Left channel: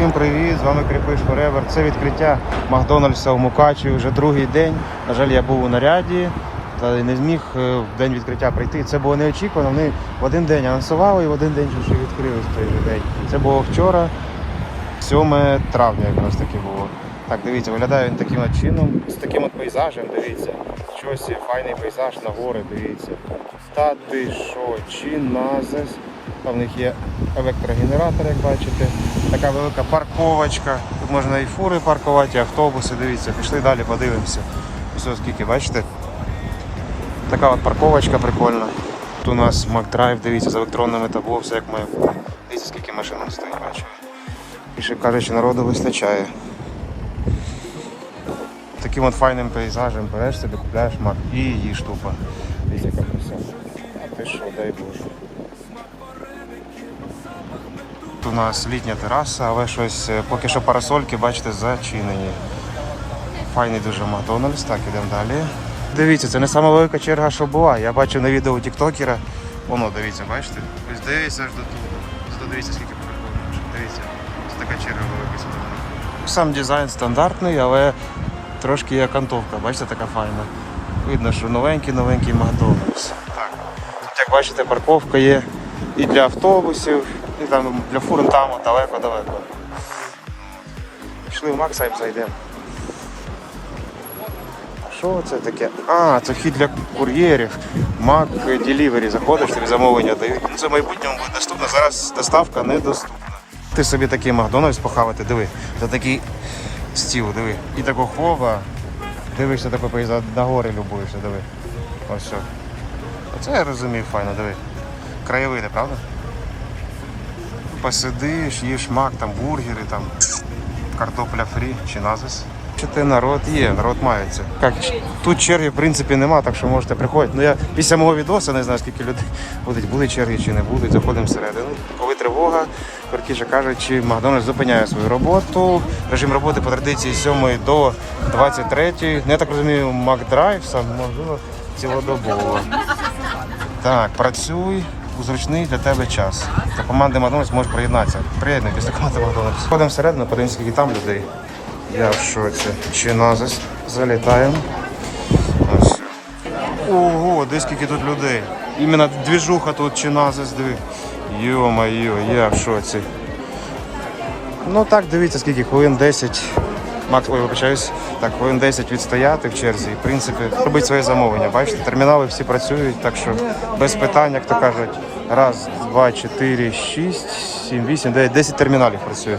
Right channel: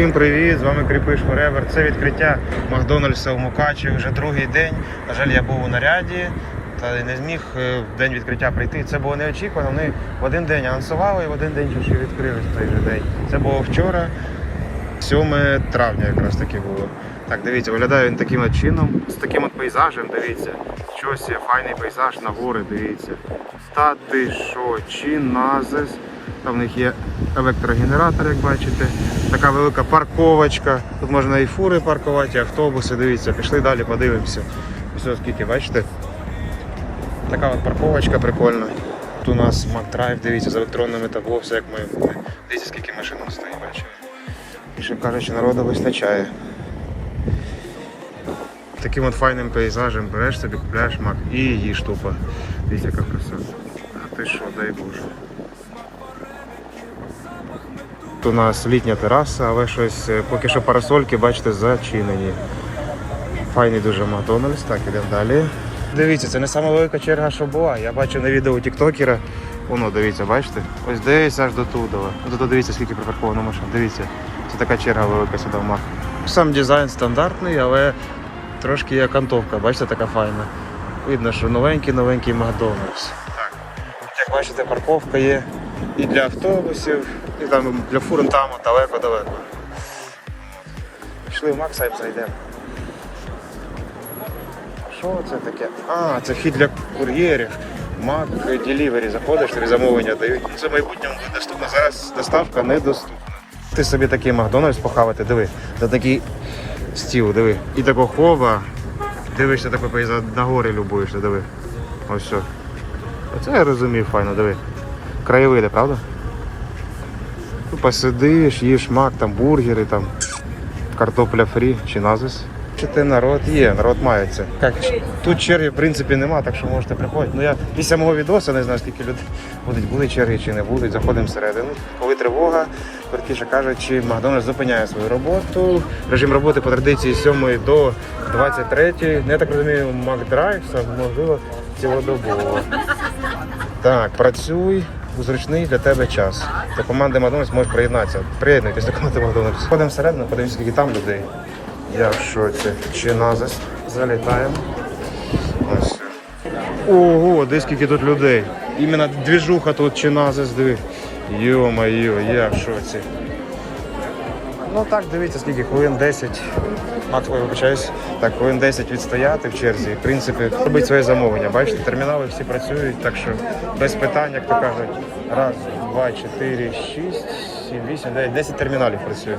Всім привіт! З вами Кріпиш Forever. Це відкриття Макдональдса в Мукачеві вже другий день. На жаль, я був у наряді та не зміг е, в день відкриття прийти. Це було неочікувано. Вони в один день анонсували і в один день вже відкрили в день. Це було вчора, 7 травня якраз таки було. Так, дивіться, виглядає він таким от чином, з таким от пейзажем, дивіться. Щось є, файний пейзаж на гори, дивіться. Та ти що, чиназес. Там в них є електрогенератор, як бачите. Така велика парковочка. Тут можна і фури паркувати, і автобуси. Дивіться, пішли далі, подивимося. Ось скільки, бачите? Така от парковочка прикольна. Тут у нас McDrive, дивіться, з електронними табло, все як бути. Дивіться, скільки машин стоїть, бачите. Що кажучи, народу вистачає. Таким от файним пейзажем береш собі, купляєш мак і їж тупо. Дивіться, яка краса. А ти що, дай Боже. Тут у нас літня тераса, але щось е, поки що парасольки, бачите, зачинені. Файний дуже Макдональдс. Так, ідемо далі. Дивіться, це не сама велика черга, що була. Я бачив на відео тіктокера. Воно, дивіться, бачите? Ось десь аж до туди. Дивіться, скільки припарковано машин. Дивіться. Така черга велика сюди в Мак. Сам дизайн стандартний, але трошки є кантовка, бачите, така файна. Видно, що новенький-новенький Макдональдс. Так. Як бачите, парковка є і для автобусів, і там для фур там далеко-далеко. Пішли в Макса і зайдемо. Що це таке? А, це вхід для кур'єрів. Mac Delivery. Заходиш, замовлення дають. Це в майбутньому буде доступно. Зараз доставка недоступна. Ти собі такий Макдональдс похавати, диви. Та такий стіл, диви. І такого хова. Дивишся такий пейзаж, на гори любуєшся, диви. Ось що. Оце я розумію, файно, диви. Краєвиди, правда? Ну, Посидиш, їш мак, там бургери, там картопля фрі чи назис. Чити народ є, народ мається. Як, тут черги в принципі нема, так що можете приходити. Ну я після мого відоса не знаю, скільки людей будуть, були черги чи не будуть. Заходимо всередину. Коли тривога, коротше кажучи, Макдональдс зупиняє свою роботу. Режим роботи по традиції з 7 до 23. Ну, я так розумію, Макдрайв сам можливо цілодобово. Так, працюй у зручний для тебе час. До команди Макдональдс можеш приєднатися. Приєднуйтесь до команди Макдональдс. Ходимо всередину, подивимося, скільки там людей. Я в шоці. Чи назис? Залітаємо. Ого, де скільки тут людей. Іменно двіжуха тут чи назис, диви. Йо-моє, я в шоці. Ну так, дивіться, скільки хвилин 10. Макс, ой, вибачаюсь. Так, хвилин 10 відстояти в черзі. В принципі, робити своє замовлення. Бачите, термінали всі працюють, так що без питань, як то кажуть. Раз, два, чотири, шість, сім, вісім, дев'ять, десять терміналів працює.